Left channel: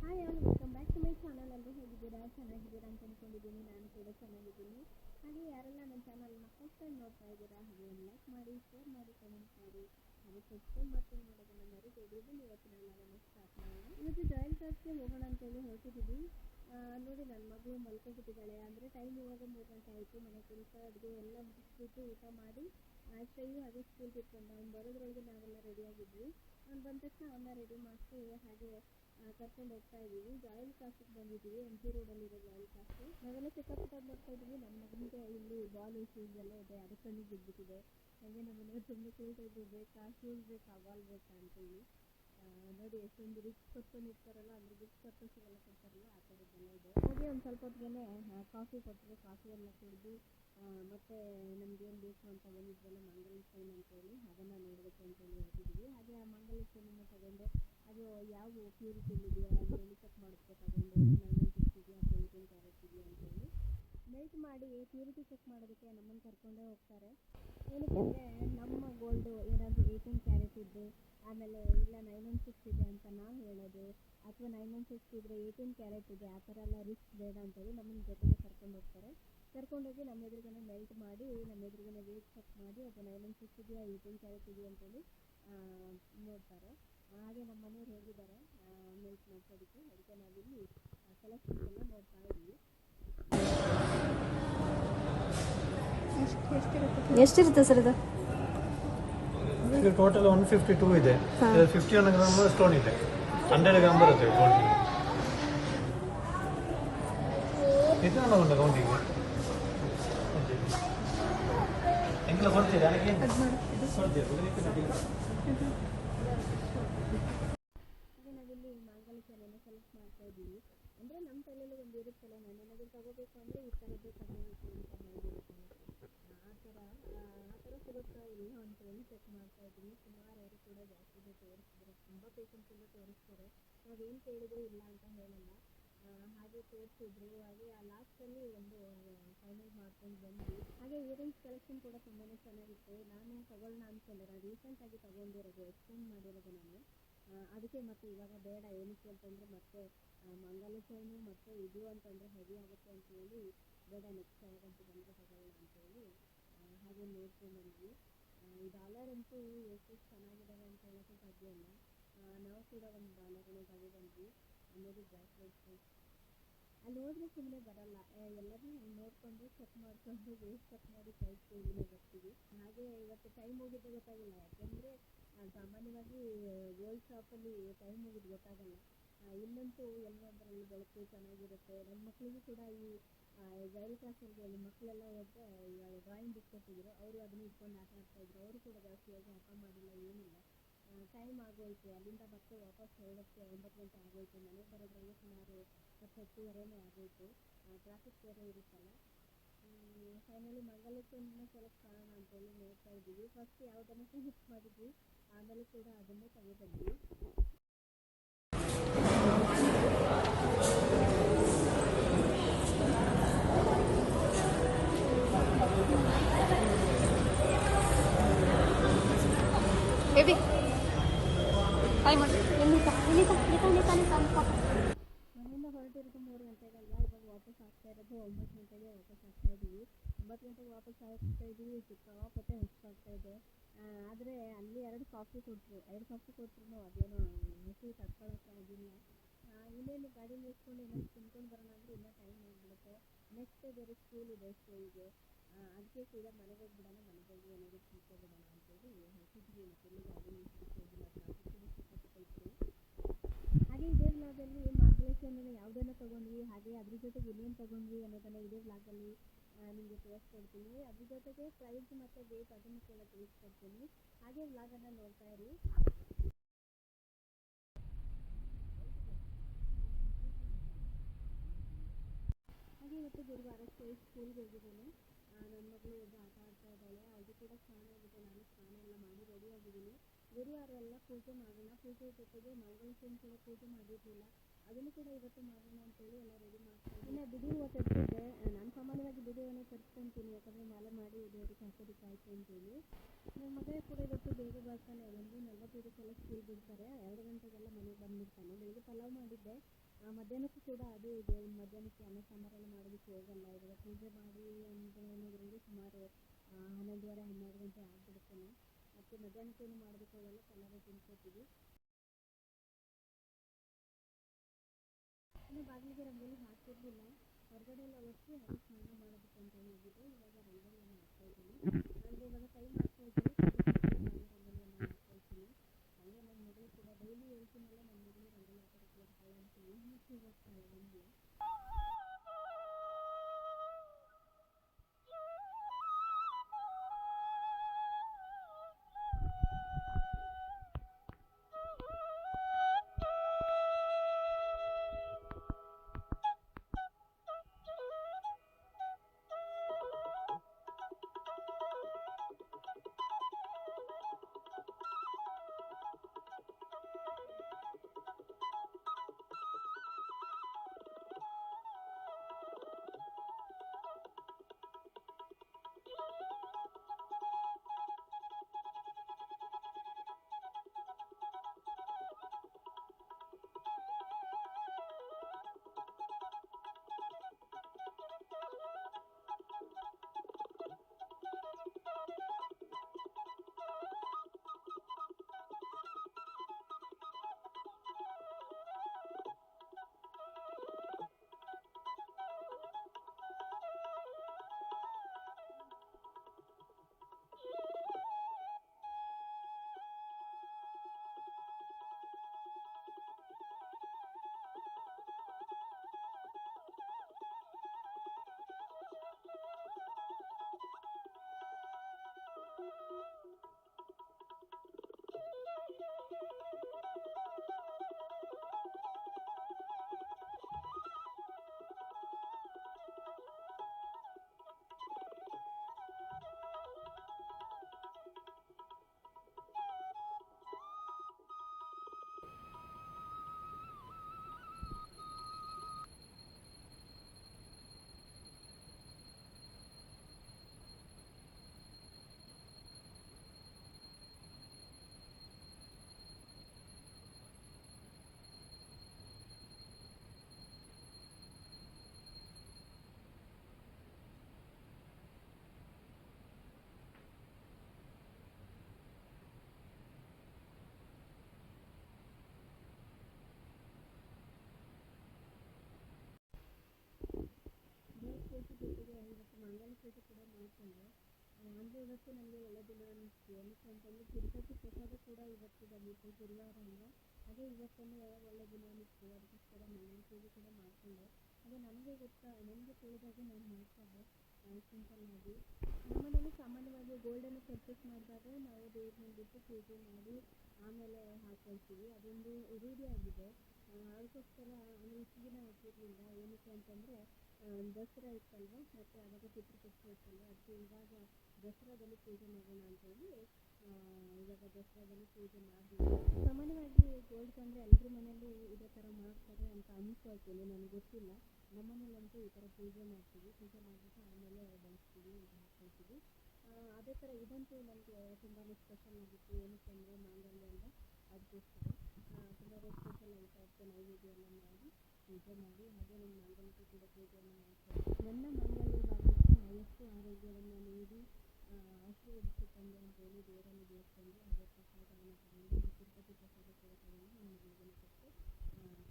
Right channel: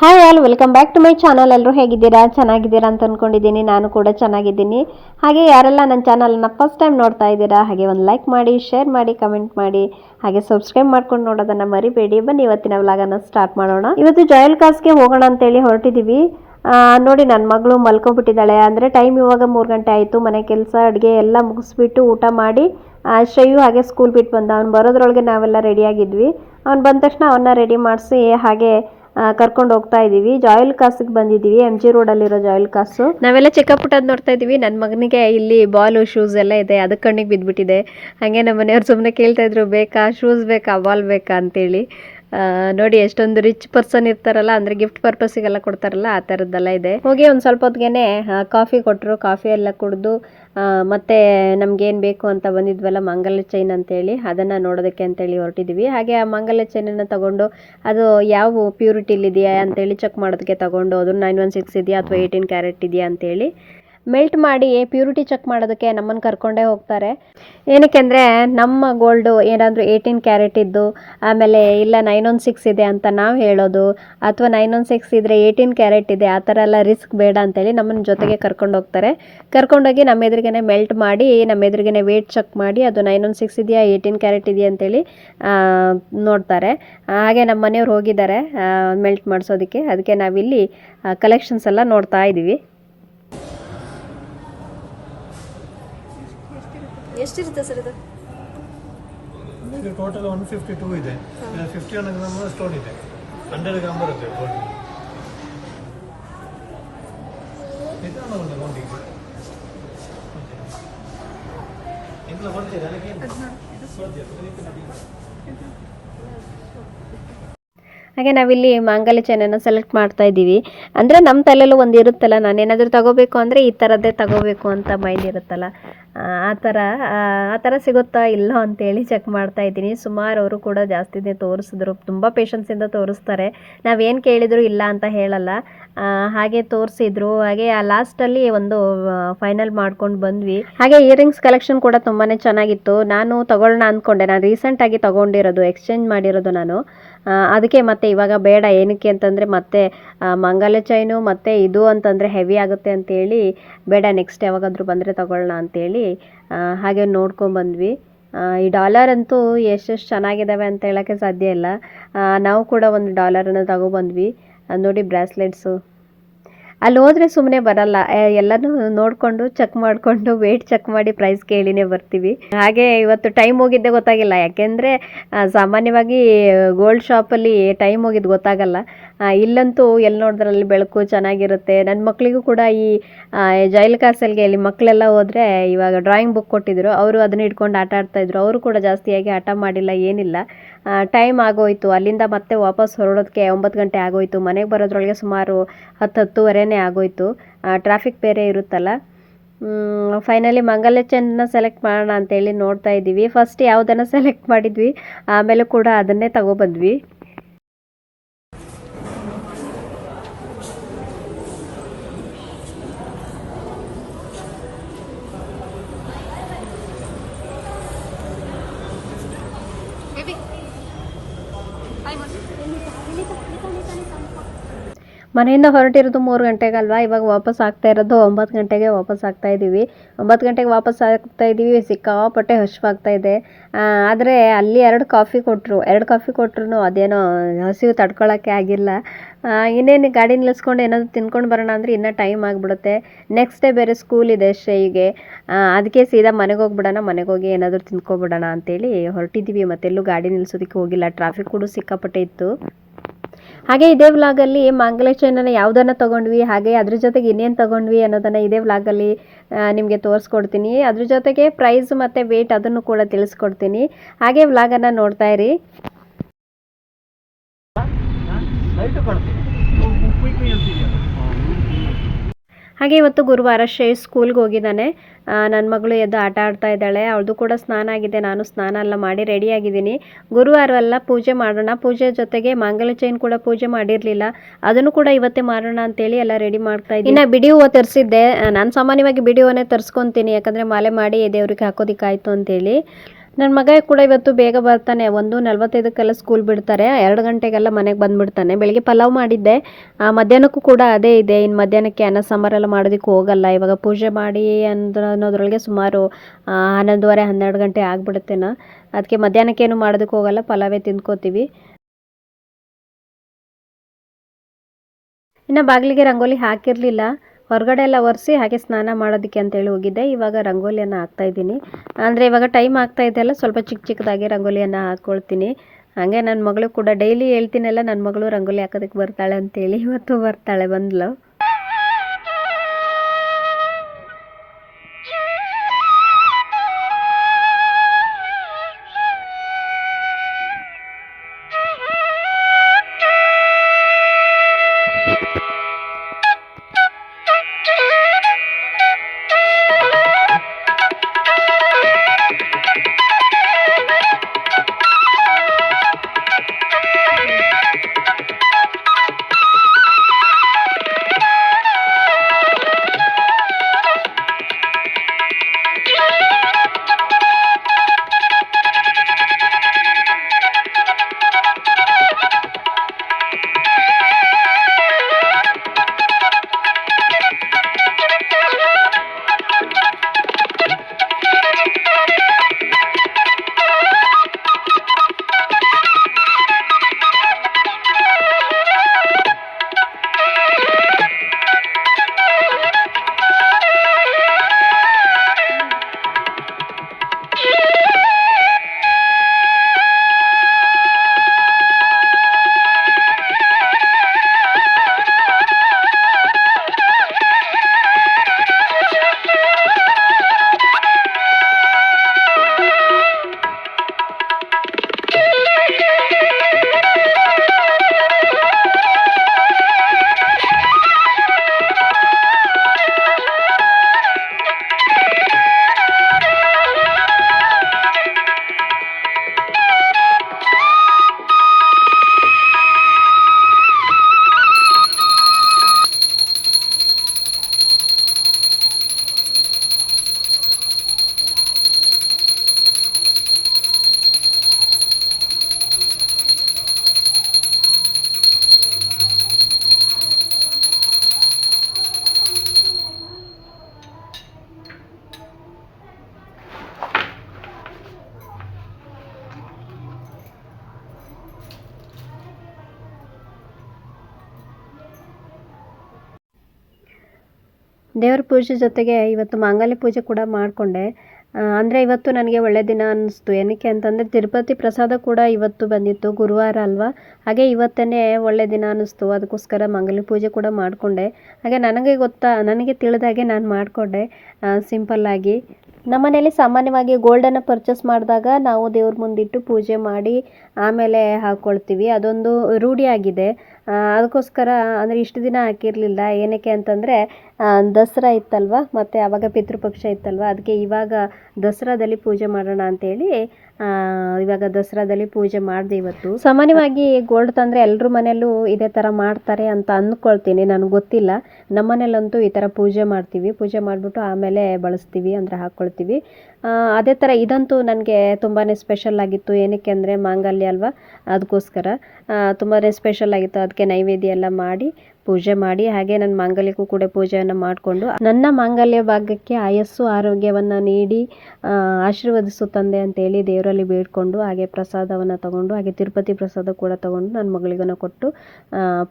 Hi all welcome back to my channel ಎಲ್ಲರೂ ಹೇಗಿದ್ದೀರಾ? ಚೆನ್ನಾಗಿದ್ದೀರಾ ಅಂತ ಅಂದ್ಕೊಂಡಿದ್ದೀನಿ ನಾನು ಕೂಡ ಚೆನ್ನಾಗಿದ್ದೀನಿ. ಹಾಗೆ ಯಾರೆಲ್ಲ ನನ್ನ ಚಾನಲನ್ನು ಫಸ್ಟ್ ಟೈಮ್ ನೋಡ್ತಾ ಇದ್ದೀರಾ, ಹಾಗೆ ಒಂದು ಲೈಕ್ ಮಾಡಿ ಶೇರ್ ಮಾಡಿ ಕಮೆಂಟ್ ಮಾಡಿ, ಹಾಗೆ ಸಬ್ಸ್ಕ್ರೈಬ್ ಮಾಡ್ಕೊಂಡು ನೋಡೋದನ್ನು ಮರಿಬೇಡಿ. ಬನ್ನಿ ಇವತ್ತಿನ ವ್ಲಾಗನ್ನು ಸ್ಟಾರ್ಟ್ ಮಾಡೋಣ. ಇವತ್ತು ಜಾಯಲ್ ಕಾಸ್ಗೆ ಹೋಗೋಣ ಅಂತೇಳಿ ಹೊರಟಿದ್ದೀವಿ ನೋಡಿ ನನ್ನ ಮಗಳು ಮಲ್ಕೊಬಿಟ್ಟಿದ್ದಾಳೆ ಅಂದರೆ ಟೈಮ್ ಇವಾಗ ಮೂರು ಗಂಟೆ ಆಯಿತು. ಮನೆ ಕೆಲಸ, ಅಡುಗೆ ಎಲ್ಲ ಮುಗಿಸ್ಬಿಟ್ಟು ಊಟ ಮಾಡಿ ಶ್ರೇಯು ಹಾಗೆ ಸ್ಕೂಲ್ ಬಿಟ್ಟು ಬಂದ. ಅವ್ನು ಬರೋದ್ರೊಳಗೆ ನಾವೆಲ್ಲ ರೆಡಿಯಾಗಿದ್ವಿ ಅವ್ನು ಬಂದ ತಕ್ಷಣ ಅವನ್ನ ರೆಡಿ ಮಾಡಿಸಿ, ಹಾಗೆ ಕರ್ಕೊಂಡು ಹೋಗ್ತಾ ಇದೀವಿ. ಜಾಯಿಲ್ ಕಾಸಿಗೆ ಬಂದಿದ್ದೀವಿ ಎಂ ಜಿ ರೋಡಲ್ಲಿರೋ ಜಾಯಿಲ್ ಕಾಸು ನಾವೆಲ್ಲ ಚೆಕಪ್ ಪುಟ್ಟದ್ ನೋಡ್ತಾ ಇದೀವಿ. ನನ್ನ ಮಗನಿಗೆ ಇಲ್ಲಿ ಬಾಲು ಶೂಸ್ ಎಲ್ಲ ಇದೆ. ಅದಕ್ಕೆ ಕಣ್ಣಿಗೆ ಬಿದ್ದುಬಿಟ್ಟಿದೆ ಹಾಗೆ ನಮ್ಮ ಮನೆಯವ್ರು ಸುಮ್ಮನೆ ಕೇಳ್ತಾ ಇದ್ರು, ಬೇಕಾ? ಶೂಸ್ ಬೇಕಾ? ಬಾಲ್ ಬೇಕಾ? ಅಂತೇಳಿ. ಹೇಳಿ ನೋಡಿ ಎಷ್ಟೊಂದು ರಿಚ್ ಪರ್ಸನ್ ಇರ್ತಾರಲ್ಲ, ಅಂದರೆ ಗಿಫ್ಟ್ ಪರ್ಪಸ್ಸಿಗೆಲ್ಲ ಕೊಡ್ತಾರಲ್ಲ, ಆ ಥರದ್ದೆಲ್ಲ ಇದೆ. ಹೋಗಿ ಒಂದು ಸ್ವಲ್ಪ ಹೊತ್ತಿಗೆ ಕಾಫಿ ಕೊಟ್ಟರು ಕಾಫಿ ಎಲ್ಲ ಕುಡಿದು ಮತ್ತೆ ನಮ್ಗೇನು ಬೇಕು ಅಂತ ಬಂದಿದ್ವಲ್ಲ ಮಂಗಲ ಚೈನ್ ಅಂತೇಳಿ, ಅದನ್ನು ನೋಡೋದಕ್ಕೆ ಅಂತೇಳಿ ಹೊರಟಿದ್ವಿ. ಹಾಗೆ ಆ ಮಂಗಲ ಚೈನನ್ನು ತಗೊಂಡು ಅದು ಯಾವ ಪ್ಯೂರಿಟಿಲಿದೆಯಾ ಅಂತೇಳಿ ಚೆಕ್ ಮಾಡೋದಕ್ಕೆ ತಗೊಂಡು ಅದು ನೈನ್ ಒನ್ ಸಿಕ್ಸ್ ಇದೆಯಾ ಅಥವಾ ಏಯ್ಟೀನ್ ಕ್ಯಾರೆಟ್ ಇದೆಯಾ ಅಂತೇಳಿ. ಮೆಲ್ಟ್ ಮಾಡಿ ಪ್ಯೂರಿಟಿ ಚೆಕ್ ಮಾಡೋದಕ್ಕೆ ನಮ್ಮನ್ನು ಕರ್ಕೊಂಡೇ ಹೋಗ್ತಾರೆ. ಏನಕ್ಕೆಂದರೆ, ನಮ್ಮ ಗೋಲ್ಡು ಏನಾದರೂ ಏಯ್ಟೀನ್ ಕ್ಯಾರೆಟ್ ಇದ್ದು, ಆಮೇಲೆ ಇಲ್ಲ ನೈನ್ ಒನ್ ಸಿಕ್ಸ್ ಇದೆ ಅಂತ ನಾವು ಹೇಳೋದು, ಅಥವಾ ನೈನ್ ಒನ್ ಸಿಕ್ಸ್ ಇದ್ದರೆ ಏಯ್ಟೀನ್ ಕ್ಯಾರೆಟ್ ಇದೆ, ಆ ಥರ ಎಲ್ಲ ರಿಸ್ಕ್ ಬೇಡ ಅಂತೇಳಿ ನಮ್ಮನ್ನ ಜೊತೆಗೆ ಕರ್ಕೊಂಡು ಹೋಗ್ತಾರೆ. ಕರ್ಕೊಂಡೋಗಿ ನಮ್ಮ ಎದುರಿಗೇನೆ ಮೆಲ್ಟ್ ಮಾಡಿ, ನಮ್ಮ ಎದುರಿಗೇನೆ ವೇಟ್ ಚೆಕ್ ಮಾಡಿ, ಅದು ನೈನ್ ಒನ್ ಸಿಕ್ಸ್ ಇದೆಯಾ ಏಯ್ಟೀನ್ ಕ್ಯಾರೆಟ್ ಇದೆಯಾ ಅಂತೇಳಿ ನೋಡ್ತಾರೆ. ಹಾಗೆ ನಮ್ಮ ಮನೆಯವ್ರು ಹೋಗಿದ್ದಾರೆ ಮೆಲ್ಟ್ ಮಾಡಿಸೋದಕ್ಕೆ. ಅದಕ್ಕೆ ನಾವಿಲ್ಲಿ ಕಲೆಕ್ಷನ್ಸ್ ಎಲ್ಲ ನೋಡ್ತಾ ಇದ್ದೀವಿ ಎಷ್ಟಿರುತ್ತೆ ಸರ್ ಇದು? ಇದು ಟೋಟಲ್ ಒನ್ ಫಿಫ್ಟಿ ಟೂ ಇದೆ ಫಿಫ್ಟಿ ಒನ್ ಗ್ರಾಮ್ ಸ್ಟೋನ್ ಇದೆ ಹಂಡ್ರೆಡ್ ಗ್ರಾಮ್ ಬರುತ್ತೆ ಗೌಂಡಿಗೆ ಎಂತ ಕೊಡ್ತೀರಾ ಹಾಗೆ ನಾವಿಲ್ಲಿ ಮಾಂಗಲ್ಯ ಚೈನನ್ನು ಸೆಲೆಕ್ಟ್ ಮಾಡ್ತಾ ಇದ್ದೀವಿ. ಅಂದರೆ ನಮ್ಮ ತಲೆಯಲ್ಲೂ ಒಂದು ಇರುತ್ತಲ್ಲ, ನಾನೇನಾದರೂ ತಗೋಬೇಕು ಅಂದರೆ ಈ ಥರದ್ದೇ ತಗೋಬೇಕು ಅಂತ ಮೈಂಡ್ ಇರುತ್ತಲ್ಲ. ಆ ಥರ ಆ ಥರ ಸಿಗುತ್ತಾ ಇಲ್ಲ ಅಂತೇಳಿ ಚೆಕ್ ಮಾಡ್ತಾ ಇದ್ದೀನಿ. ಸುಮಾರು ಅವರು ಕೂಡ ಜಾಸ್ತಿನೇ ತೋರಿಸಿದ್ರು. ತುಂಬ ಪೇಷನ್ಸಿಂದ ತೋರಿಸ್ತಾರೆ. ನಾವೇನು ಕೇಳಿದರೂ ಇಲ್ಲ ಅಂತ ಹೇಳಲ್ಲ. ಹಾಗೆ ತೋರಿಸಿದ್ರು. ಹಾಗೆ ಆ ಲಾಸ್ಟಲ್ಲಿ ಒಂದು ಫೈನಲ್ ಮಾಡ್ಕೊಂಡು ಬಂದ್ವಿ. ಹಾಗೆ ಇಯರಿಂಗ್ಸ್ ಕಲೆಕ್ಷನ್ ಕೂಡ ತುಂಬಾ ಚೆನ್ನಾಗಿತ್ತು. ನಾನು ತಗೊಳ್ಳೋಣ ಅಂದ್ಕೊಂಡೆ ನಾನು ರೀಸೆಂಟಾಗಿ ತಗೊಂಡಿರೋದು ಎಕ್ಸ್ಚೇಂಜ್ ಮಾಡಿರೋದು ನಾನು. ಅದಕ್ಕೆ ಮತ್ತೆ ಇವಾಗ ಬೇಡ ಏನಕ್ಕೆ ಅಂತಂದರೆ ಮತ್ತೆ ಮಂಗಲ ಚೈನು ಮತ್ತು ಇದು ಅಂತಂದರೆ ಹೆವಿ ಆಗುತ್ತೆ ಅಂತೇಳಿ ಬೇಡ ನೆಕ್ಸ್ಟ್ ಯಾವಾಗಾದರೂ ಬಂದರೆ ತಗೊಳ್ಳೋಣ ಅಂತೇಳಿ ಹಾಗೆ ನೋಡ್ಕೊಂಬಂದ್ವಿ ಆ, ಈ ಡಾಲರ್ ಅಂತೂ ಎಷ್ಟೆಷ್ಟು ಚೆನ್ನಾಗಿದ್ದಾವೆ ಅಂತ ಹೇಳೋಕ್ಕೆ ಸಾಧ್ಯ ಇಲ್ಲ. ನಾವು ಕೂಡ ಒಂದು ಡಾಲರನ್ನು ತಗೊಬಂದ್ವಿ. ನೋಡಿ ಬ್ರಾಸ್ಲೆಟ್ಸು ಅಲ್ಲಿ ಹೋದ್ರೆ ಸುಮ್ಮನೆ ಬರಲ್ಲ ಎಲ್ಲಾನು ನೋಡಿಕೊಂಡು ಚೆಕ್ ಮಾಡಿಕೊಂಡು ವೇಟ್ ಚೆಕ್ ಮಾಡಿ ಪ್ರೈಸ್ ಕೇಳಿನೇ ಬರ್ತೀವಿ. ಹಾಗೆ ಇವತ್ತು ಟೈಮ್ ಹೋಗಿದ್ದೆ ಗೊತ್ತಾಗಿಲ್ಲ. ಯಾಕೆಂದರೆ ಸಾಮಾನ್ಯವಾಗಿ ಗೋಲ್ಡ್ ಶಾಪಲ್ಲಿ ಟೈಮ್ ಹೋಗಿದ್ದು ಗೊತ್ತಾಗಲ್ಲ. ಇಲ್ಲಂತೂ ಎಲ್ಲಿ ನೋಡಿದ್ರಲ್ಲಿ ಬೆಳಕು ಚೆನ್ನಾಗಿರುತ್ತೆ. ನನ್ನ ಮಕ್ಕಳಿಗೂ ಕೂಡ ಈ ಆ, ಜೈಲ್ ಕಾಸಲ್ಗೆ ಇಲ್ಲಿ ಮಕ್ಕಳೆಲ್ಲ ಹೋದರೆ ಇವಾಗ ಡ್ರಾಯಿಂಗ್ ಬುಕ್ ಕೊಟ್ಟಿದ್ರು. ಅವರು ಅದನ್ನ ಇಟ್ಕೊಂಡು ಆಟ ಆಡ್ತಾಯಿದ್ರು ಅವರು ಕೂಡ ಜಾಸ್ತಿಯಾಗಿ ಆಟ ಮಾಡಿಲ್ಲ ಏನಿಲ್ಲ. ಟೈಮ್ ಆಗೋಯ್ತು. ಅಲ್ಲಿಂದ ಮತ್ತೆ ವಾಪಸ್ ಹೊರಡೋದಕ್ಕೆ ಒಂಬತ್ತು ಗಂಟೆ ಆಗೋಯ್ತು. ಮನೆಗೆ ಬರೋದ್ರೊಳಗೆ ಸುಮಾರು ಹತ್ತು ಹತ್ತುವರೆನೇ ಆಗೋಯ್ತು. ಟ್ರಾಫಿಕ್ ಬೇರೆ ಇರುತ್ತಲ್ಲ. ಫೈನಲಿ ಮಂಗಲ ಚೆನ್ನ ಸೆಲೆಕ್ಟ್ ಮಾಡೋಣ ಅಂತೇಳಿ ನೋಡ್ತಾ ಇದ್ದೀವಿ. ಫಸ್ಟ್ ಯಾವುದನ್ನು ಸೆಲೆಕ್ಟ್ ಮಾಡಿದ್ವಿ ಆಮೇಲೆ ಕೂಡ ಅದನ್ನೇ ತಗೊಬಂದ್ವಿ. ಮನೆಯಿಂದ ಹೊರಟಿರೋದು ಮೂರು ಗಂಟೆಗಲ್ವಾ? ಇವಾಗ ವಾಪಸ್ ಆಗ್ತಾ ಇರೋದು ಒಂಬತ್ತು ಗಂಟೆಗೆ ವಾಪಸ್ ಆಗ್ತಾ ಇದ್ದೀವಿ ಒಂಬತ್ತು ಗಂಟೆಗೆ ವಾಪಸ್ ಆಗ್ತಾ ಇದ್ದೀವಿ ಸಿಕ್ಕಾಪಟ್ಟೆ ಹಸಿವಾಗ್ತಾ ಇದೆ. ಆದರೆ ಅಲ್ಲಿ ಎರಡು ಕಾಫಿ ಕೊಟ್ಟರು ಎರಡು ಕಾಫಿ ಕೊಟ್ರು ಅದೇನೋ ಹಸಿವು ತಡ್ಕೊಳ್ಳೋಕ್ಕೆ ಆಗಿಲ್ಲ. ಇನ್ನೇನು ಗಾಡಿ ನಿಲ್ಲಿಸ್ಕೊಂಡು ಏನಾದರೂ ತಿನ್ಕೊಂಡು ಬರೋಣ ಅಂದರೆ ಇನ್ನೂ ಟೈಮ್ ಆಗಿಬಿಡುತ್ತೆ. ನೆಕ್ಸ್ಟ್ ಡೇ ಬೇರೆ ಸ್ಕೂಲ್ ಇದೆ ಶ್ರೇಯಿಗೆ. ಅದಕ್ಕೆ ಸೀದಾ ಮನೆಗೆ ಹೋಗ್ಬಿಡೋಣ, ಮನೆಗೆ ಹೋಗಿ ಏನಾದರೂ ತಿನ್ಕೊಬಿಡೋಣ ಅಂತೇಳಿ ಹೊರಟಿದ್ದೀವಿ ಮತ್ತೆಲ್ಲೂ ಗಾಡಿ ನಿಲ್ಲಿಸೋದಕ್ಕೆ ಹೋಗಿಲ್ಲ ಟ್ರಾಫಿಕ್ ಕೂಡ ಸಿಕ್ಕಾಪಟ್ಟೆ ಇತ್ತು. ಹಾಗೆ ಇದೇ ವ್ಲಾಗಲ್ಲಿ ಮಾಂಗಲೇ ಚೈನನ್ನ ಯಾವುದನ್ನು ತೊಗೊಂಡ್ವಿ, ಹಾಗೆ ಅದ್ರ ಜೊತೆಗೆ ಇನ್ನೇನು ತೊಗೊಂಡ್ವಿ ಅನ್ನೋದನ್ನು ಇದೇ ವ್ಲಾಗಲ್ಲಿ ನಿಮಗೆ ತೋರಿಸ್ಕೊಡ್ತೀನಿ. ಅದ್ರ ಜೊತೆಗೆ ಪ್ರೈಸ್ ಮತ್ತು ವೇಟ್ ಅದನ್ನು ಕೂಡ ತಿಳಿಸ್ಕೊಡ್ತೀನಿ. ಹಾಗೆ ವ್ಲಾಗನ್ನು ನೋಡ್ತಾ ಇರಿ. ಹಾಗೆ ಇವತ್ತು ಗುರುವಾರ ಶ್ರೇಯ್ ಸ್ಕೂಲ್ಗೆ ಹೋಗಿದ್ದಾನೆ. ನನ್ನ ಮಗಳು ಎದ್ದು ಆಟ ಆಡ್ತಾ ಇದ್ದಾಳೆ. ಅವಳದು ಕೂಡ ಸ್ನಾನ ಆಗಿದೆ. ನಾನು ಸ್ನಾನ ಎಲ್ಲ ಮಾಡಿ ರೆಡಿ ಆಗಿದ್ದೀನಿ. ಗುರುವಾರವೆಲ್ಲ ಪೂಜೆ ಮಾಡೋಣ. ಪೂಜೆ ಜೊತೆಗೆ ಮಾಂಗಲ್ಯ ಚೈನ್ ಕೂಡ ಪೂಜೆ ಮಾಡಿರಲಿಲ್ಲ. ಅದನ್ನು ಕೂಡ ಇವತ್ತೇ ಮಾಡೋಣ ಅಂತೇಳಿ ಎಲ್ಲ ರೆಡಿ ಮಾಡ್ತಾ ಇದ್ದೀನಿ. ಇನ್ನು ಬಿಡಿ ಹೂವು ತರಿಸಿದ್ದೆ. ನಾನು ಸಾಮಾನ್ಯವಾಗಿ ಬಿಡಿ ಹೂವನ್ನೇ ತರಿಸ್ಕೊತೀನಿ. ಯಾಕಂದರೆ ಮಾಲೆ ಮಾಡಿ ದೇವ್ರಿಗೆ ಹಾಕೋದಿಕ್ಕಾಯಿತು ಅಂತೇಳಿ. ನನ್ನ ಮಗ ಕೂಡ ಇವತ್ತು ಬೇಗ ಬರ್ತಾನೆ. ಒಂದು ನಲ್ವತ್ತೈದಕ್ಕೆಲ್ಲ ಸ್ಕೂಲ್ ಬಿಡ್ತಾರೆ. ಎರಡು ಗಂಟೆಗೆಲ್ಲ ಮನೆಗೆ ಬಂದುಬಿಡ್ತಾನೆ. ಬೆಳಗ್ಗೆ ಪಲಾವ್ ಮಾಡಿದ್ದೆ. ಆ, ಮಧ್ಯಾಹ್ನಕ್ಕೂ ಕೂಡ ಅದೇ ಇದೆ. ಇನ್ನು ಮಧ್ಯಾಹ್ನಕ್ಕೆ ಅನ್ನ ಸಾಂಬಾರೆಲ್ಲ ಮಾಡೋದಕ್ಕೆ ಹೋಗಲ್ಲ. ಇವಾಗ ಪೂಜೆ ಮಾಡಿ ಅಂದ್ರ ಅನ್ನೋದ್ರೊಳಗೆ ಸುಮಾರು ಹನ್ನೊಂದುವರೆ ಹನ್ನೆರಡು ಗಂಟೆ ನಾ ಅದಕ್ಕೆ ಮಧ್ಯಾಹ್ನಕ್ಕೇನು ಮಾಡೋದಕ್ಕೆ ಹೋಗಲ್ಲ. ಪಲಾವೇ ತಿಂದ್ಕೋತೀವಿ. ಇನ್ನು ಬಾಗಿಲಿಗೆ ರಂಗೋಲಿ ಹಾಕಿರಲಿಲ್ಲ. ಹೊರಗಡೆ ಎಲ್ಲ ಒರೆಸಿ ಹಾಗೆ ಸ್ನಾನ ಮಾಡೋದಕ್ಕೆ ಅಂತೇಳಿ ಹೋಗಿದ್ದೆ. ಇವಾಗ ರಂಗೋಲಿಯನ್ನು ಹಾಕ್ತಾ ಇದ್ದೀನಿ. ಅಂದರೆ ಇವಾಗ ಟೈಮ್ ಆಗ್ತಾ ಇದೆಯಲ್ಲ ಸ್ವಲ್ಪ ಚಿಕ್ಕ ಚಿಕ್ಕದಾಗಿ ರಂಗೋಲಿಯನ್ನು ಹಾಕ್ಕೊಳ್ತೀನಿ ಹಾಗೆ ನನ್ನ ಮಗಳು ಕೂಡ ಡೈಲಿ ಹೇಳ್ತೀನಲ್ಲ ನನ್ನ ಮಗಳು ರಂಗೋಲಿ ಹಾಕೋದಕ್ಕೆ ಬರ್ತಾಳೆ ಅಂತೇಳಿ. ಇವತ್ತು ಬರ್ತಾಳೆ ಬಂದ್ಲು. ದೇವ್ರ ಪೂಜೆ ಜೊತೆಗೆ ಇವತ್ತು ಮಾಂಗಲ್ಯ ಪೂಜೆ ಕೂಡ ಮಾಡಿಕೊಂಡೆ. ಅಂದರೆ ಇವತ್ತು ನನಗೆ ಒಳ್ಳೆ ದಿನ ಅನ್ನಿಸ್ತು ಏನಕ್ಕೆ ಅಂತಂದರೆ ತಿರುಪತಿ ಪ್ರಸಾದ ಕೂಡ ಇವತ್ತು ಬಂದಿತ್ತು, ಗುರುವಾರ ಅಲ್ವಾ? ಹಾಗೆ ಇವತ್ತೇ ಒಳ್ಳೆ ದಿನ ಅನ್ನಿಸ್ತು ಅದಕ್ಕೋಸ್ಕರ ಮಂಗಲಿ ಪೂಜೆ ಕೂಡ ಮಾಡಿಕೊಂಡೆ. ಹಾಗೆ ನನಗೆ ಗೊತ್ತಾ, ನನಗೆ ತಿಳಿದಾಗೆ ನಾನು ಮಾಡಿಕೊಂಡೆ ಸಿಂಪಲ್ಲಾಗಿ ನಮ್ಮನೇಲಿ ಸಾಮಾನ್ಯವಾಗಿ ಗೋಲ್ಡನ್ನು ಪರ್ಚೇಸ್ ಮಾಡಿದಾಗ ನಾವು ದೇವ್ರ ಮುಂದಿಟ್ಟು ಪೂಜೆ ಮಾಡಿ ಆಮೇಲೆ ಹಾಕ್ಕೊಳ್ತೀವಿ ಅದೊಂದು ರೂಢಿಯಾಗಿದೆ ಅದಕ್ಕೋಸ್ಕರ ಅಂದರೆ ಇಷ್ಟು ದಿನ ಹಾಕಿರಲಿಲ್ಲ. ಏನಕ್ಕೆ ಅಂತಂದರೆ ದಸರಾ ಇತ್ತಲ್ವ? ಮತ್ತು ಆವಾಗ ಪಿತೃಪಕ್ಷ ಇತ್ತಲ್ವ? ಅದಕ್ಕೆ ಇವಾಗ ದಸರಾದಲ್ಲಿ ಪೂಜೆ ಮಾಡೋಣ ಅಂತೇಳಿ ಇವಾಗ ದಸರಾದಲ್ಲಿ ಪೂಜೆ ಮಾಡಿದೆ ಇವತ್ತು. ಸಾಮಾನ್ಯವಾಗಿ ಗೋಲ್ಡ್ ತಂದರೆ ಎಲ್ಲರ ಮನೆಯಲ್ಲೂ ಇದೇ ಥರ ಮಾಡ್ತಾರೆ ಅಂತ ಅಂದ್ಕೊಳ್ತೀನಿ ನನಗೆ ಗೊತ್ತಿಲ್ಲ. ನಮ್ಮ ಮನೇಲಂತೂ ಈ ಥರ ಪೂಜೆ ಮಾಡ್ತೀವಿ. ಪೂಜೆ ಮಾಡಿಬಿಟ್ಟು ಆಮೇಲೆ ಬಳಸ್ತೀವಿ ಅಂದರೆ ಹಾಕ್ಕೊಳ್ತೀವಿ ಅದೇ ಥರ ಇದಂತೂ ನನಗೆ ತುಂಬಾ ಸ್ಪೆಷಲ್ ಆಗಿತ್ತು. ಏನಕ್ಕೆ ಅಂದರೆ ಮಾಂಗಲ್ಯ ಅಲ್ವಾ? ಅದಕ್ಕೋಸ್ಕರ ತುಂಬಾ ಸ್ಪೆಷಲ್ ಆಗಿತ್ತು. ಅದಕ್ಕೆ ನೈವೇದ್ಯ ಎಲ್ಲ ಮಾಡಿ ಪೂಜೆ ಮಾಡಿ, ಹಾಗೆ ನನ್ನ ಮಾಂಗಲ್ಯಕ್ಕೂ ಕೂಡ ಪೂಜೆಯನ್ನು ಮಾಡಿಕೊಂಡು, ನನ್ನ ಮಾಂಗಲ್ಯ ಭಾಗಕ್ಕೆ ಆಯಸ್ಸು, ಆರೋಗ್ಯವನ್ನು ನೀಡಿ ಆಶೀರ್ವದಿಸು ತಂದೆ ಅಂತೇಳಿ ದೇವರಲ್ಲಿ ಬೇಡ್ಕೊಂಡು, ಹಾಗೆ ಪ್ರಸಾದವನ್ನು ತಗೊಂಡು, ಹಾಗೆ ತಿರುಪತಿ ಪ್ರಸಾದ ಕೂಡ ತಗೊಂಡು ನನ್ನ ಮಗಳಿಗನ್ನು ಕೊಟ್ಟು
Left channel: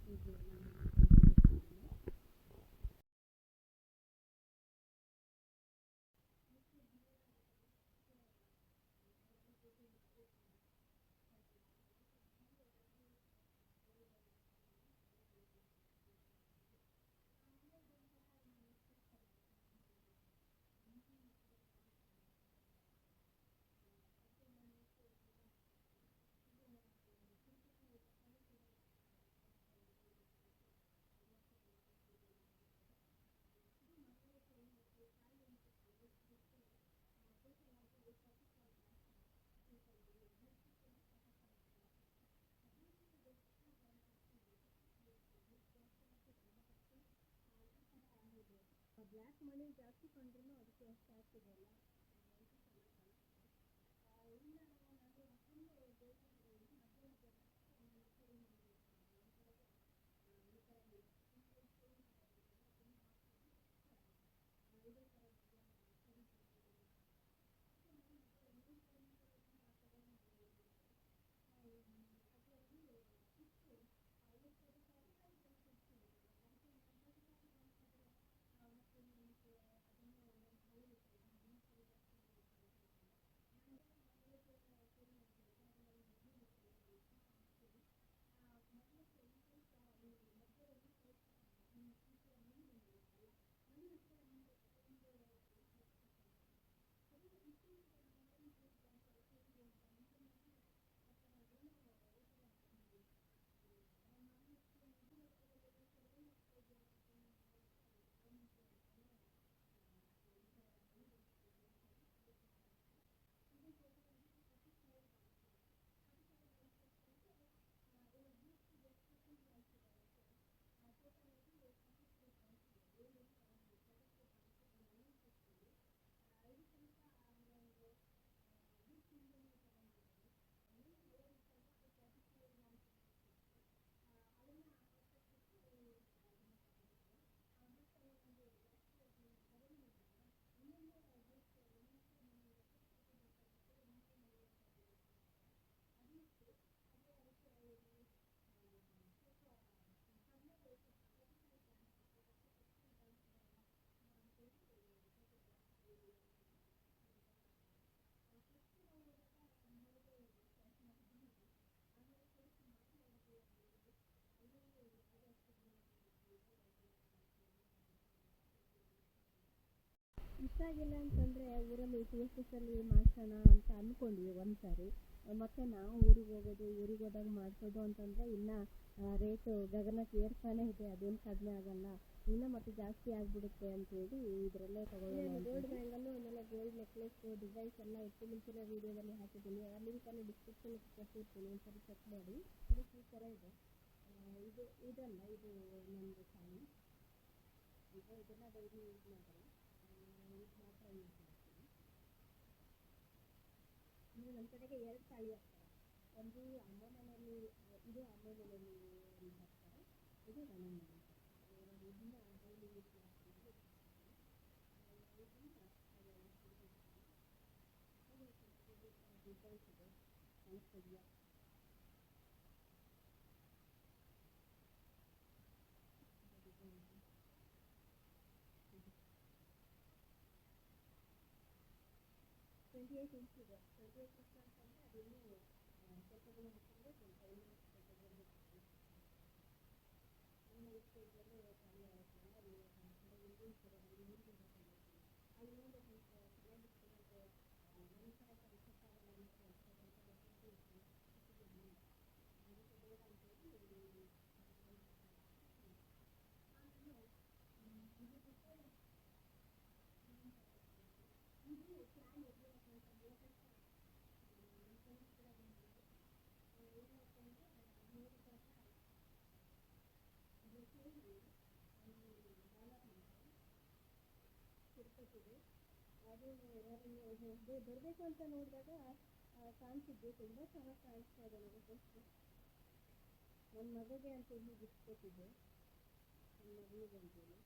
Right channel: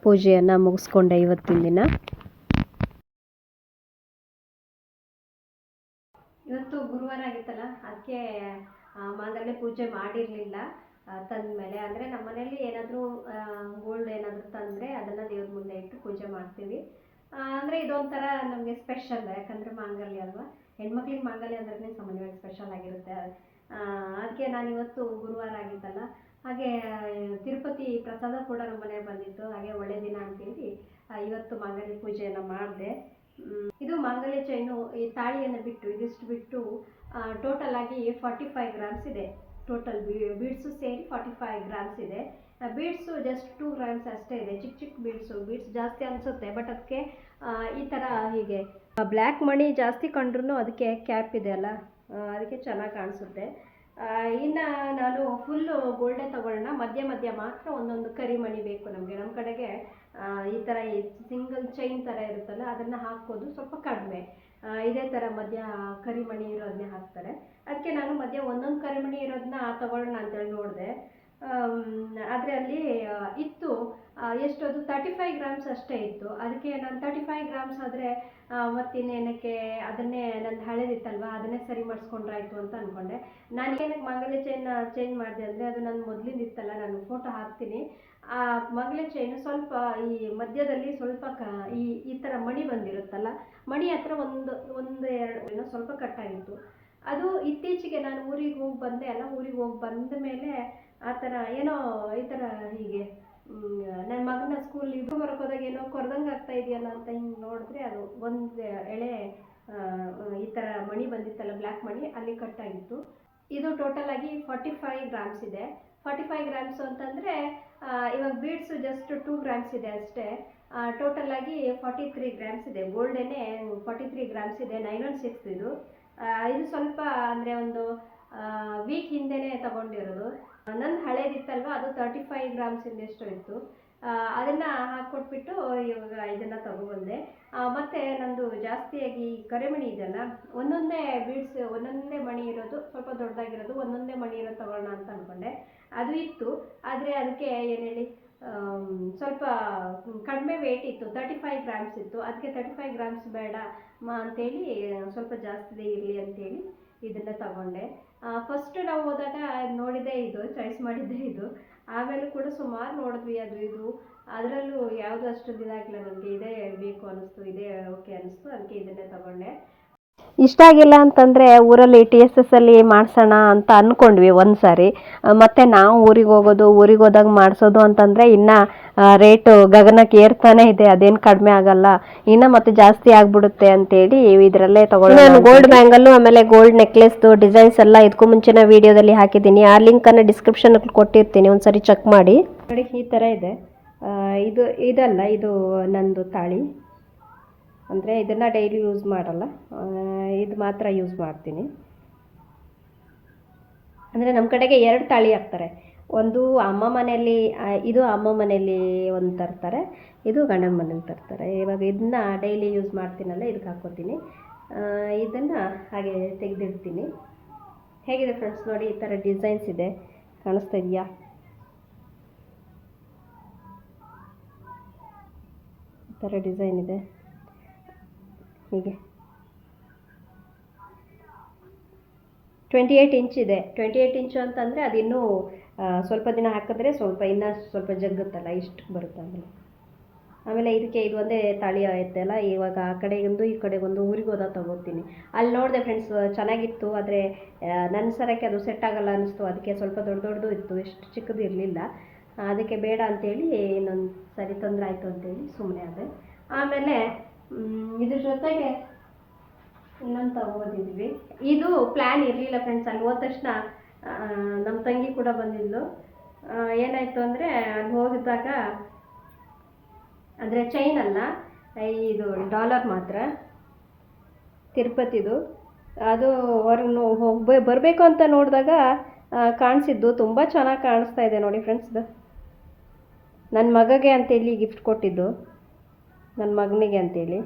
ಪೂಜೆಯನ್ನು ಮುಗಿಸ್ಕೊಂಡೆ ಇವತ್ತಿನ ದಿನ. ಇವತ್ತು ಗುರುವಾರ ಆಗಿತ್ತಲ್ಲ, ಅದಕ್ಕೆ ಮಾಂಗಲ್ಯ ಪೂಜೆ ಮಾಡಿರಲಿಲ್ಲ. ತಂದಮೇಲೆ. ಅಂದರೆ ನಮ್ಮ ಮನೆಯಲ್ಲಿ ಏನಾದರೂ ಗೋಲ್ಡ್ ಏನಾದರೂ ತಂದರೆ ಅದನ್ನು ದೇವ್ರ ಮುಂದೆ ಇಟ್ಟು ಪೂಜೆ ಮಾಡ್ತೀವಿ. ಅಂದರೆ ಇದೊಂಥರ ನಮಗೆ ಸ್ಪೆಷಲ್ ಯಾಕಂದರೆ ಮಾಂಗಲ್ಯ ಅಲ್ವಾ? ಹೆಣ್ಮಕ್ಳಿಗೆ ಮಾಂಗಲ್ಯ ಅಂದ್ರೆ ಸಾಮಾನ್ಯವಾಗಿ ಸ್ಪೆಷಲ್ ಆಗಿರುತ್ತೆ. ಅದಕ್ಕೆ ನಾನು ಇವತ್ತು ಗುರುವಾರ ಆಗಿತ್ತಲ್ಲ, ಹಾಗೆ, ತಿರುಪತಿ ಪ್ರಸಾದ ಕೂಡ ನಮ್ಮ ಮನೆಗೆ ಬಂದಿತ್ತು. ಹಾಗೆ ಒಳ್ಳೆ ದಿನ ಅಂತೇಳಿ ಇವತ್ತು ಮಾಂಗಲ್ಯ ಪೂಜೆಯನ್ನು ಮಾಡಿದೆ. ಇದು ಮಾಂಗಲ್ಯ ಚೈನು ಈ ತಾಳಿಯನ್ನು ಬಿಟ್ಟು, ಇದಿಷ್ಟು ಬಿಟ್ಟು ಟೋಟಲ್ ಆಗಿ ಫಾರ್ಟಿ ಫೈವ್ ಗ್ರಾಮ್ಸ್ ಇದೆ. ಟೋಟಲ್ ಬೀಡ್ಸು ಸೇರಿ ಫಾರ್ಟಿ ಫೈವ್ ಗ್ರಾಮ್ಸ್ ಇದೆ ಬೀಡ್ಸು ಜಸ್ಟ್ ಟೂ ಗ್ರಾಮ್ಸ್ ಅಷ್ಟೇ ಇದೆ. ಚಿಕ್ಕ ಚಿಕ್ಕ ಬೀಡ್ಸು ಬೀಡ್ಸ್ ಜಾಸ್ತಿ ಅನಿಸುತ್ತೆ ಬಟ್ ಅದಕ್ಕೆ ಈ ಥರ ಹೀಗೆ. ಬ್ಲ್ಯಾಕ್ ಮಣಿ ಜಾಸ್ತಿ ಕಂಡ್ರೂ ಅದಕ್ಕೆ ಕ್ಯಾಪ್ ಇದೆ ಅಲ್ಲ? ಅದಕ್ಕೆ ಚೆನ್ನಾಗಿ ಕಾಣಿಸುತ್ತೆ. ಇನ್ನು ನಾನು ಫುಲ್ಲು ಗೋಲ್ಡೆ ತಗೊಳ್ಳೋಣ. ಮಧ್ಯ ಮಧ್ಯ ಮಾತ್ರ ಒಂದೊಂದು ಕರಿ ಮಣಿ ಬೇಕು ನಮಗೆ. ನಮ್ಮ ಕಡೆಗೆ ಈ ಥರ ಸಿಂಗಲ್ ಚೈನ್ ಥರ ಇರುತ್ತಲ್ಲ, ಅದನ್ನು ಹಾಕೋದು ಸ್ವಲ್ಪ ಕಡಿಮೆ. ಇದೇ ಥರ ಮಧ್ಯ ಕರಿಮಣಿ ಇರೋದನ್ನೇ ಹಾಕ್ತಾರೆ. ಅದಕ್ಕೆ ನಾನು ಮಧ್ಯ ಒಂದೊಂದು ಕರಿಮಣಿ ಇರೋದನ್ನ ತಗೊಳ್ಳೋಣ ಅಂತೇಳಿ ನೋಡಿದೆ. ಆದರೆ ಅಲ್ಲಿ ಇತ್ತು. ಎಷ್ಟು ಅದು ತರ್ಟಿ ಫೈವ್ ಗ್ರಾಮ್ಸ್ ಅಷ್ಟೇ ಇತ್ತು. ಅದಕ್ಕೆ ನಾನು ತರ್ಟಿ ಫೈವ್ ಗ್ರಾಮ್ಸ್ ಆದರೆ ಮತ್ತಿನ್ನೇನಕ್ಕೆ ಅದನ್ನೇ ನಂದು ಹಳೇದಿತ್ತಲ್ವ, ಅದನ್ನೇ ಸರಿ ಮಾಡಿಸ್ಕೊಂಡ್ರಾಯ್ತು ಅಂತ ಅಂದ್ಕೊಂಡೆ ನಾನು ಏನಕ್ಕೆ ಮಾಂಗಲ್ಯ ಚೈನ್ ಚೇಂಜ್ ಮಾಡಿದೆ ಅಂದರೆ ಅದು ನನ್ನ ಮೊದಲಿಂದ ಇತ್ತಲ್ಲ ನಾನು ಫೋಟೋ ಹಾಕ್ತೀನಿ. ಆ ಮಂಗಲ ಚೈನು ಸ್ವಲ್ಪ ಈ ಮಧ್ಯದಲ್ಲಿ ಸ್ವಲ್ಪ ಕ, ಈ ಈ ಥರ ಮಣಿ ಬಂದಿರುತ್ತಲ್ಲ, ಮಣಿ ಹತ್ರ ಒಂದು ಒಂದು ಎರಡು ಏನೋ ಸ್ವಲ್ಪ ಕಟ್ಟಾಗಿತ್ತು ಅದು ಇತ್ತೀಚೆಗೆ ನಾನು ಊರಿಗೆ ಹೋಗಿ ಬಂದೆ ಅಲ್ಲ, ಊರಿಗೆ ಹೋಗಿ ಬಂದ ಮೇಲೆ ಆ ಥರ ಏನೋ ಈ ಥರ ಹೀಗೆ ನನ್ನ ಮಗನ ಸ್ಕೂಲ್ ಇದು ಬರೋಕೆ ಹೋದಾಗ ಏನೋ ಕೊರ್ದಂಗೆ ಆಗ್ತಾ ಇದೆಯಲ್ಲ ಅಂತ ಹಿಂಗೆ ನೋಡಿದ್ರೆ ಅದು ಒಂದು ಎಳೆ ಈ ಥರ ಮಣಿ ಬಂದಿತ್ತಲ್ಲ ಬ್ಲ್ಯಾಕ್ ಮಣಿ, ಅಲ್ಲಿ ಕಟ್ಟಾಗಿತ್ತು ಇದು ಟೋಟಲ್ ಆಗಿ ಫಾರ್ಟಿ ಫೈವ್ ಗ್ರಾಮ್ಸ್ ಇದೆ. ಫಾರ್ಟಿ ಫೈವ್ ಗ್ರಾಮ್ಸ್ ಅಂತಂದರೆ ಇವಾಗ ಬೀಡ್ಸು ಜಸ್ಟ್ ಟೂ ಗ್ರಾಮ್ಸ್ ಇದೆ ಅಷ್ಟೇ. ಟೋಟಲ್ ಆಗಿ ಫಾರ್ಟಿ ತ್ರೀ ಗ್ರಾಮ್ಸ್ ಇದೆ. ಗೋಲ್ಡೇನೆ ಫಾರ್ಟಿ ತ್ರೀ ಗ್ರಾಮ್ಸ್ ಇದೆ ನೈನ್ ಒನ್ ಸಿಕ್ಸ್ ಇದು ಇದು ಸ್ವಲ್ಪ ಅಂದರೆ ಒಂದು ವೀಕ್ ಹಿಂದೆನೇ ತಗೊಂಡಿರೋದು. ನನ್ನ ಹಳೇದಿತ್ತಲ್ವ, ಅದು ತರ್ಟಿ ಫೈವ್ ಗ್ರಾಮ್ಸ್ ಇಂದೆಷ್ಟು ಇತ್ತು. ಅದನ್ನು ಹಾಕ್ಕೊಟ್ಬಿಟ್ಟು ಇವಾಗ ಇದನ್ನ ತಗೊಬಂದೆ ಮತ್ತು ನಂದು ಜಾಸ್ತಿಯಾಗಿ ಕರೆಮಣಿ ಇದೆಯಲ್ಲ, ಒಂದೊಂದೇ ಬೀಡ್ಸ್, ಒಂದೊಂದೇ ಮಣಿ ಇರೋದು, ಸ್ವಲ್ಪ ದೊಡ್ಡದಾಗಿರೋದು, ಒಂದೊಂದೇ ಮಣಿ ಇರೋದು ತಗೊಳ್ಳೋಣ ಅಂತ ಅನ್ಕೊಂಡೆ. ಅದು ಇತ್ತು. ಆದರೆ ಅದಕ್ಕೆ ಏನೇಳಿ ಸ್ವಲ್ಪ ಕಡಿಮೆ ವೇಟ್ ಇತ್ತು. ತರ್ಟಿ ಫೈವ್ ಗ್ರಾಮ್ಸ್ ಇತ್ತು. ಅದಕ್ಕೆ ತರ್ಟಿ ಫೈವ್ ಗ್ರಾಮ್ಸ್ ಬೇಡ ಮಾ ಅಂತೇಳಿ, ಸ್ವಲ್ಪ ಜಾಸ್ತಿ ಇರಲಿ ಅಂತೇಳಿ ಇದನ್ನ ತಗೊಂಡೆ. ಫಸ್ಟ್ ನಾವು ಹೋದಾಗ ನೋಡಿದ್ದೇ ಇದು ಚಾಯ್ಸ್ ಮಾಡಿದ್ದೇ ಇದು. ಆಮೇಲೆ ಕೂಡ ಸುಮಾರು ನೋಡಿದ್ವಿ ಅದು ಇದು. ಅದರಲ್ಲೂ ಯಾವುದು ಅಷ್ಟು ಇದಾಗಲಿಲ್ಲ ನಮಗೆ ಇದೇ ಬೇಕು ಅನ್ನಿಸ್ತು ಇದೇ ಓಕೆ ಅನ್ನಿಸ್ತು ಅದಕ್ಕೆ ಇದನ್ನೇ ತಗೊಂಡೆ. ಇಷ್ಟ ಆಗಿಲ್ಲ ಅಂತಂದರೆ ಊರಲ್ಲಿ ಟಿ ಎಸ್ ಎಸ್ ಅಲ್ಲಿ ಮಾಡ್ಸೋಣ ಅಂತ ಅಂದ್ಕೊಂಡ್ವಿ ಒಂದು ಸಾರಿ ಆ, ಮತ್ತೆ ನಾವು ಊರಿಗೆ ಹೋಗೋದು ಊರಿಗೆ ಹೋದಾಗ ಮಾಡಿಸೋದು ಅಂತಂದರೆ ಇನ್ನು ರೇಟು ಗಗನಕ್ಕೆ ಏರ್ತಾನೆ ಇದೆ ಅದೇನು ಕಡಿಮೆ ಆಗಲ್ಲ. ಇನ್ನು ಮತ್ತೆ ಜಾಸ್ತಿ ಆಗ್ಬಿಡುತ್ತೆ ಅಂತೇಳಿ ಇದರಲ್ಲೇ ತಗೊಳ್ಳೋಣ ನಾನು ಗೋಲ್ಡ್ ಬ್ಯಾಂಗಲ್ಲು ಆಮೇಲೆ ಗೋಲ್ಡ್ ನೆಕ್ಲೆಸ್ದು ಡಿಸೈನ್ಸ್ ಎಲ್ಲ ಇದಕ್ಕೂ ಮುಂಚಿನ ವಿಡಿಯೋದಲ್ಲಿ ಹಾಕಿದ್ದೀನಿ. ಆ ಲಿಂಕನ್ನು ಡಿಸ್ಕ್ರಿಪ್ಷನ್ ಕೊಟ್ಟಿರ್ತೀನಿ ಒಂದ್ಸರಿ ಚೆಕ್ ಮಾಡಿ. ನೋಡಿ ಈ ಥರ ಇದೆ. ಇದು ಇದಲ್ಲ ಇದು ನಂದು ತಾಳಿ. ಅಂದರೆ ಇದನ್ನು ಡೈಲಿ ಯೂಸ್ ಮಾಡಲ್ಲ. ಇದು ಮಾತ್ರ ಯೂಸ್ ಮಾಡ್ತೀನಿ. ಅಂದರೆ ನಮ್ಮ ಕಡೆಗೆ ಎರಡು ತಾಳಿ ಹಾಕ್ತಾರೆ. ಒಂದು ಅಮ್ಮ ಮನೆಯಲ್ಲಿ ಇದು ಅಮ್ಮ ಮನೆಯಲ್ಲಿ ಒಂದು ತರ್ತಾರೆ, ಇದು ಗಂಡನ ಮನೇಲಿ ತರ್ತಾರೆ. ಇವಾಗ ಇದನ್ನ ಡೈಲಿ ಯೂಸ್ ಮಾಡ್ತೀನಲ್ಲ ಇದಕ್ಕೆ ಹಾಕ್ಕೋತೀನಿ ಇದನ್ನು ಹಾಗೆ ತೆಗೆದಿಡ್ತೀನಿ. ಹೇಗಿದೆ ಫ್ರೆಂಡ್ಸ್ ನೋಡಿ, ಈ ಥರ ಡಿಸೈನ್ಸ್ ಇದೆ. ಕಾಣಿಸ್ತಾ ಇದೆಯಾ? ಈ ಥರ ಡಿಸೈನ್ ಇದೆ. ಹೀಗೆ. ಟ್ವೆಂಟಿ ಏಯ್ಟ್ ಇಂಚ್ ಇದೆ. ಟ್ವೆಂಟಿ ಏಯ್ಟ್ ಇಂಚು ಅಂತಂದರೆ ಅದು ಸ್ವಲ್ಪ ದಿನ ಹಾಕಿದ್ರೆ ಸ್ವಲ್ಪ ಇನ್ನೂ ಸ್ವಲ್ಪ ಜಗ್ಗುತ್ತಲ್ಲ, ಇಷ್ಟು ಬರುತ್ತೆ ಆಮೇಲೆ ಆಮೇಲೆ ಇದಕ್ಕೆ ಇದು ಒಂದೇ ತಾಳಿ ಐತಲ್ಲ ಇವಾಗ ಆ ಕಡೆಗೊಂದು, ಈ ಕಡೆಗೊಂದು ಊರಿಗೆ ಹೋದಾಗ ತೊಗೋತೀನಿ. ಅಲ್ಲಿ ನೋಡಿದೆ ಫ್ರೆಂಡ್ಸ್ ಚೆನ್ನಾಗಿತ್ತು, ಆದರೆ ನನ್ನ ಸರಕ್ಕೆ ಅದು ಸೆಟ್ ಆಗಲ್ಲ ಅನ್ನಿಸ್ತು ಅದಕ್ಕೆ ಸ್ವಲ್ಪ ದೊಡ್ಡ ದೊಡ್ಡದು ಇತ್ತು ಎಷ್ಟು ಚಿಕ್ಕದು ಇರಲಿಲ್ಲ. ಅದಕ್ಕೆ ಬೇಡ ಅಂತೇಳಿ ಇನ್ನೊಂದು ಸರಿ ತೊಂದರೆ ಆಯಿತು ಅಂತೇಳಿ ಸುಮ್ಮನೆ ಆದೆ. ಆಮೇಲೆ ಇದ್ರ ಜೊತೆಗೆ ಇನ್ನೊಂದು ತಗೊಂಡಿದ್ವಿ ಇದು ಪ್ಲ್ಯಾನ್ ಇರಲಿಲ್ಲ ಫ್ರೆಂಡ್ಸ್ ಅಲ್ಲಿ ಹೋದ ತಕ್ಷಣ ನಮ್ಮ ತಂಗಿ ಕೂಡ ಬಂದಿದ್ಲು. ಏನಾಯಿತು ಅಂದರೆ ಅಲ್ಲಿ ಹೋಗಿದ್ದಾಗ, ಅಂದರೆ ಚೈನ್ ಅಲ್ಲ ಇದು ಡಾಲರ್ ಮಾತ್ರ, ತಿರುಪತಿದು. ಅದು ಹೊರಗೆ ಹೋಗ್ಬೇ ಬರಬೇಕು ಅಂತ ನೋಡಿದಾಗ ಕಾಣಿಸಿದ್ದು. ತುಂಬ ಚೆನ್ನಾಗಿ ಕಾಣಿಸ್ತಾ ಇದೆ ನೋಡಿ ಫ್ರೆಂಡ್ಸ್ ನನ್ನ ಮಗಗೆ ಅಂತೇಳಿ ಗಿಫ್ಟ್ ಕೊಟ್ಟಿದ್ದು. ನನ್ನ ಮಗನಿಗೆ ಅಂತೇಳಿ.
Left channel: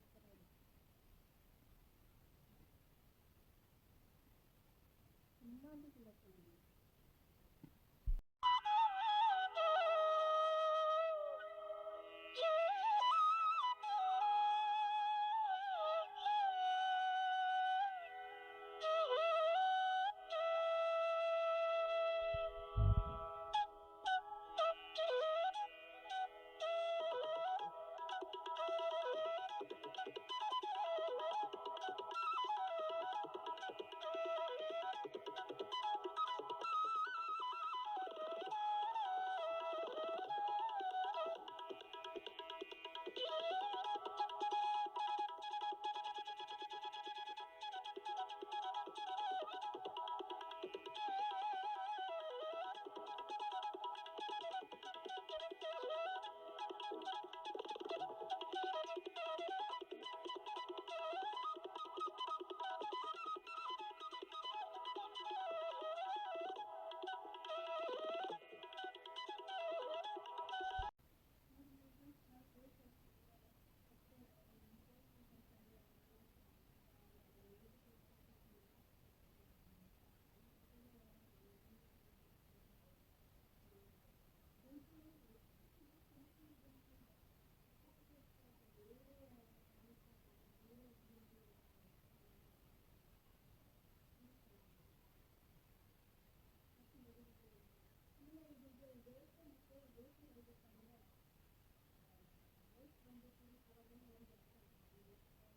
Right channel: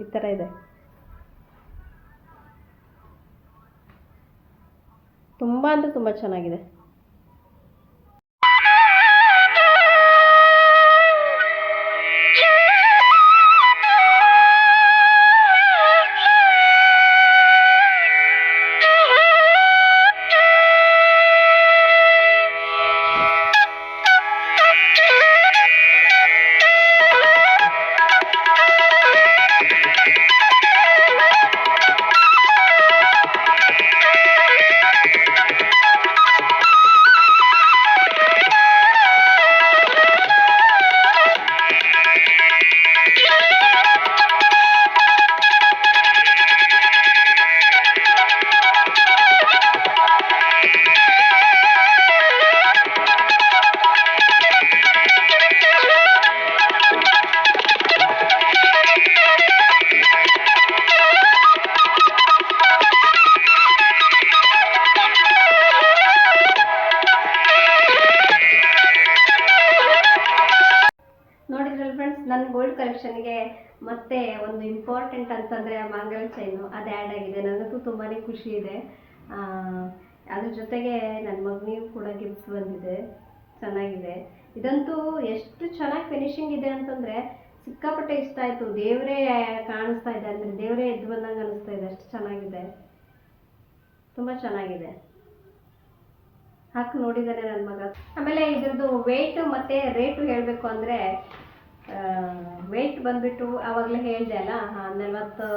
ಈ ಥರ ಇದೆ. ತುಂಬ ಅಂದರೆ ತುಂಬ ಚೆನ್ನಾಗಿದೆ. ಇಂಪಾರ್ಟೆಂಟ್ ಅಂತಂದರೆ ಮಾಂಗಲ್ಯ ಚೈನು ಅದು ಆ್ಯಡ್ ಆಗಿದೆ. ನನಗೂ ತುಂಬಾ ಖುಷಿ ಇದೆ. ಆ, ಅದ್ರ ಜೊತೆಗೆ ನನ್ನ ಮಗನಿಗೂ ಕೂಡ ಗಿಫ್ಟ್ ಬಂದಿದೆ. ಚೆನ್ನಾಗಿದೆ. ಇದಂತೂ ಎಷ್ಟು ಚೆನ್ನಾಗಿ ಫಿನಿಶಿಂಗ್ ಇದೆ ಅಂತಂದರೆ ಸಿಕ್ಕಾಪಟ್ಟೆ ಇಷ್ಟ ಆಯಿತು. ದೇವರೇ ಕಾಣಿಸ್ತಾ ಇದೆ ಅಂದರೆ ದೇವರೇ ಎದ್ದು ಬಂದಂಗೆ ಅನಿಸ್ತಾ ಇದೆ. ಅಷ್ಟು ಚೆನ್ನಾಗಿದೆ. ತುಂಬ ಚೆನ್ನಾಗಿದೆ. ಹಾಕಿ ನೋಡಿದ್ದಾನೆ ನನ್ನ ಮಗ. ಆಮೇಲೆ ಇದ್ರದ್ದು ವೆಯ್ಟ್ ಮತ್ತು ರೇಟು ಹೇಳಬೇಕು ಅಂದರೆ ವೆಯ್ಟ್ ಬಂದ್ಬಿಟ್ಟು ಆವಾಗಲೇ ಹೇಳಿದೆ ಅಲ್ಲ ನಲ್ವತ್ತು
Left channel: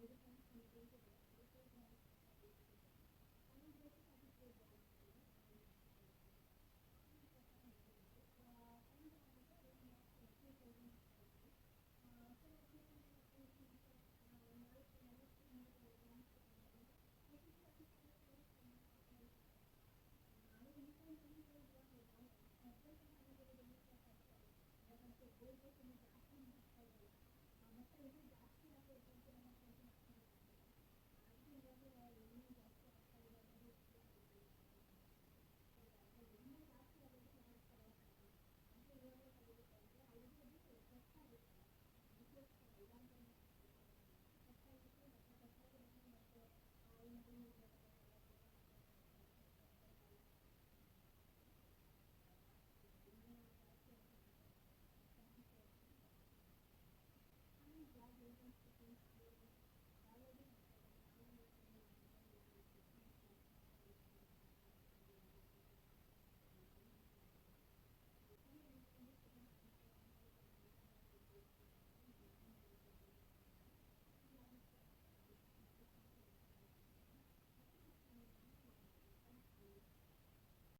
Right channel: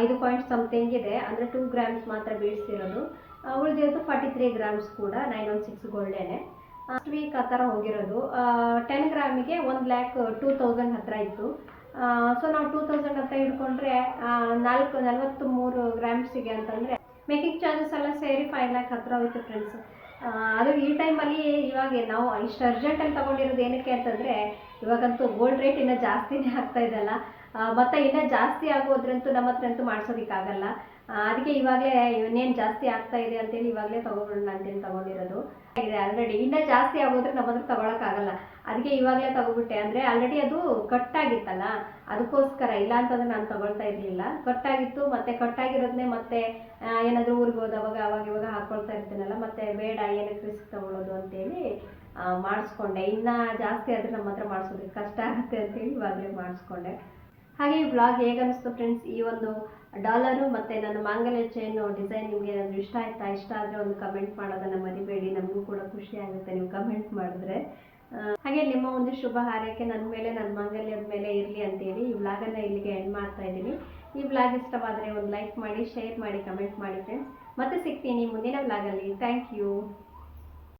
ಐದು ಪಾಯಿಂಟ್ ಸಮಥಿಂಗ್ ಇದೆ. ಅಂದರೆ ಟೂ ಗ್ರಾಮ್ಸ್ ಮಾತ್ರ ಬೀಳ್ಸಿರೋದು. ಉಳಿದಿರೋದು ಫಾರ್ಟಿ ತ್ರೀ ಗ್ರಾಮ್ಸ್ ಕೂಡ ನೈನ್ ಒನ್ ಸಿಕ್ಸ್ ಗೋಲ್ಡೇನೆ ಲಾಸ್ಟ್ ವೀಕ್ ಆ ಥರ ಹೋಗಿರೋದು. ಟೆನ್ ಗ್ರಾಮಿಗೆ ಒಂದು ಲ್ಯಾಕ್ ಟೂ ತೌಸಂಡ್ ಹತ್ರ ಇತ್ತು. ಸೊ ನಾವು ಟೂ ತೌಸಂಡ್ ಹತ್ತಿರ ಹಿಡ್ಕೊಂಡ್ರೆ ನಾಲ್ಕು ನಲ್ವತ್ತು ಮೂರು ಗ್ರಾಮ್ಸಿಗೆ ಅಂತಂದರೆ ಮೇಕಿಂಗ್ ಚಾರ್ಜಸ್ ಎಲ್ಲ ಸೇರಿ ಫೈವ್ ಲ್ಯಾಕ್ ಹತ್ತಿರ ಹೋಯ್ತು ಫ್ರೆಂಡ್ಸ್ ಅದು ಈ ಟೈಮಲ್ಲಿ ಇವಾಗ ನಾವು ಇಷ್ಟು ಅರ್ಜೆಂಟಲ್ಲಿ ತೊಗೊಂಡಿರೋದು ಏನಕ್ಕೆ ಅಂತಂದರೆ, ಇವಾಗಂತೂ ಗೋಲ್ಡ್ ರೇಟ್ ಇನ್ನೂ ಜಾಸ್ತಿನೇ ಆಗ್ತಾ ಇದೆ ಅಲ್ಲ ಮತ್ತೆ ಇನ್ನೂ ಜಾಸ್ತಿ ಆಗೋದ್ರಂತೂ ನಮ್ಮ ಹತ್ರ ಅಂತೂ ಮಾಡ್ಸೋದಕ್ಕಾಗಲ್ಲ ಅದಕ್ಕೆ ಇವಾಗಲೇ ಇನ್ನೇನು ಜಾಸ್ತಿ ಆಗ್ತಾ ಇದೆ ಅಂತೇಳಿ ಇವಾಗಲೇ ತೊಗೊಬಿಡೋಣ ಅಂತೇಳಿ ತೊಗೊಂಡಿರೋದು. ಇದೆ ಆಲ್ರೆಡಿ ಇನ್ನೂ ಜಾಸ್ತಿ ಆಗೋದ್ರೆ ನಮ್ಮ ಹತ್ರ ಆಗಲ್ಲ ಅದಕ್ಕೆ ಇವಾಗಲೇ ತಗೋಬಿಟ್ಟೆ ಅಂದರೆ ಆಲ್ರೆಡಿ ಅದು ಕಟ್ಟಾಗಿತ್ತಲ್ಲ? ಅದಕ್ಕೋಸ್ಕರ ಇಲ್ಲ ಅಂತಂದ್ರೆ ನಾನು ತಗೊಳ್ತಾ ಇರಲಿಲ್ಲ. ಕಟ್ಟಾಗಿತ್ತು ಮತ್ತೆ ಕಟ್ಟಾಗಿರೋದನ್ನೇ ಮತ್ತೆ ಆ, ಏನಾದರೂ ಊರಿಗೆ ಹೋದವಾಗ ಅವಾಗ ಇವಾಗ ಹಾಕೊಳ್ತಾ ಇರ್ತೀನಲ್ಲ ಮತ್ತೆ ಬೇಡ ಏನಕ್ಕೆ ರಿಸ್ಕ್ ತಗೊಳ್ಳೋದು ಅಂತೇಳಿ ಮಾಡಿಸ್ಕೊಂಡೆ. ಇನ್ನು ಜಾಸ್ತಿ ಆದರೆ ನಮ್ಮ ಹತ್ರ ಮಾಡಿಸೋದಕ್ಕೆ ಕಷ್ಟ ಆಗುತ್ತೆ ಅಂತೇಳಿ ಇವಾಗಲೇ ಮಾಡಿಸ್ಕೊಂಡೆ. ಹಾಗೆ ಈ ಬ್ಲಾಗ್ ಹೇಗನ್ನಿಸ್ತು ಫ್ರೆಂಡ್ಸ್ ಈ ಒಂದು ಡಾಲರು ಮತ್ತು ನನ್ನ ಮಾಂಗಲ್ಯ ಚೈನು ಡಿಸೈನ್ ನಿಮಗೆ ಏನಾದರೂ ಇಷ್ಟ ಆಯ್ತಾ? ಇಷ್ಟ ಆದರೆ ಒಂದು ಕಮೆಂಟ್ ಮಾಡೋದನ್ನು ಮರಿಬೇಡಿ. ನಮಗೂ ಕೂಡ ಖುಷಿ ಆಗುತ್ತೆ ನೀವು ಕಮೆಂಟ್ ಮಾಡಿದ್ರೆ. ಹಾಗೆ ನಿಮ್ಮ ಒಂದು ಶುಭ ಹಾರೈಕೆ ನನ್ನ ಮೇಲೆ ನನ್ನ ಮಾಂಗಲ್ಯದ ಮೇಲೆ ಇರಲಿ ಅಂತೇಳಿ ಈ ವ್ಲಾಗನ್ನು ಇಲ್ಲಿಗೆ ಎಂಡ್ ಮಾಡ್ತಾ ಇದ್ದೀನಿ. ಈ ಬ್ಲಾಗ್ ಇಷ್ಟವಾದರೆ ಒಂದು ಲೈಕ್ ಮಾಡಿ ಶೇರ್ ಮಾಡಿ ಕಮೆಂಟ್ ಮಾಡಿ ಫ್ರೆಂಡ್ಸ್ ಮತ್ತೆ ಸಿಗ್ತೀನಿ ಮುಂದಿನ ವ್ಲಾಗಲ್ಲಿ ಥ್ಯಾಂಕ್ ಯು